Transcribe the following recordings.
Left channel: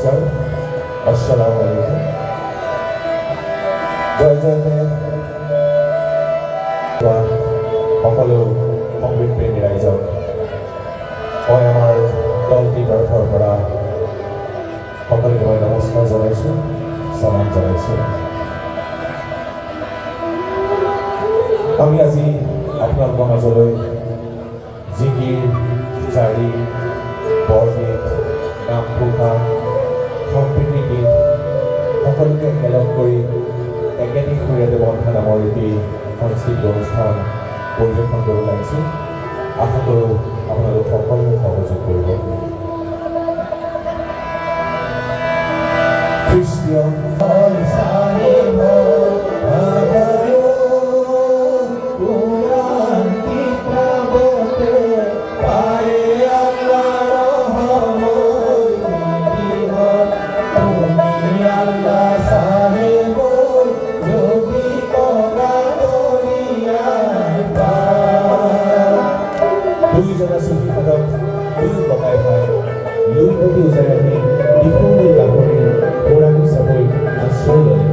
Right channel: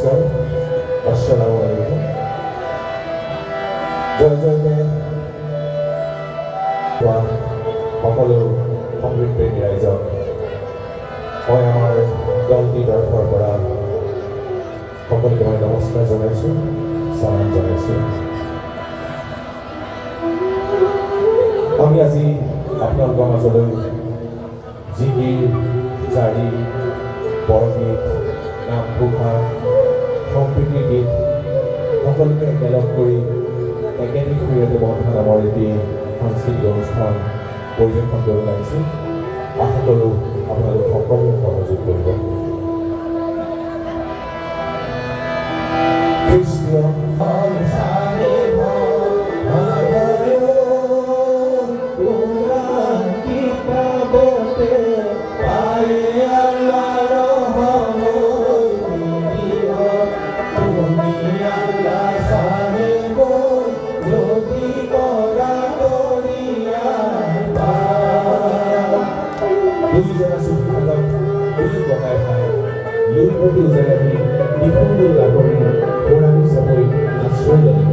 নমস্কাৰ আসসালামু আলাইকুম জয় জয় সকলো সংগীত প্ৰেমী ৰাইজক মই আমাৰ দলটিৰ তৰফৰ পৰা সকলোকে মই নমস্কাৰ জনাইছোঁ সন্মান জনাইছোঁ আমি আজি আপোনালোকৰ মাজলৈ জিকিৰ জাৰি বৰগীত নামঘোষা সম্প্ৰীতি গীত সকলোকে একেলগ কৰি একেটি শৰীৰতে বন্ধা নামৰ এটি সাংস্কৃতিক অনুষ্ঠান পৰিৱেশন কৰিব লাগিছোঁ আশা কৰোঁ আপোনালোক সকলোৱে সহযোগ কৰিব খ্ৰীষ্টীয় দুইজনা চুফি হাতত দুই ককাই ভাই লুইপতি উজাৰি আহি ডিফুন্দুৰ গাভৰি পুৰাণী চাপৰি আশ্ৰয় ল'লে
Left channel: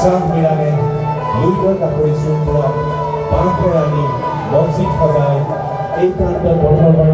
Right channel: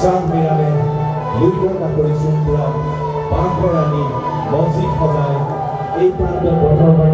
চাংবিৰানে লুইতৰ কাপৰি চুমপুৰাত বাঁহ পেৰানি মছজিদ সজাই এই প্ৰান্তত প্ৰথমবাৰৰ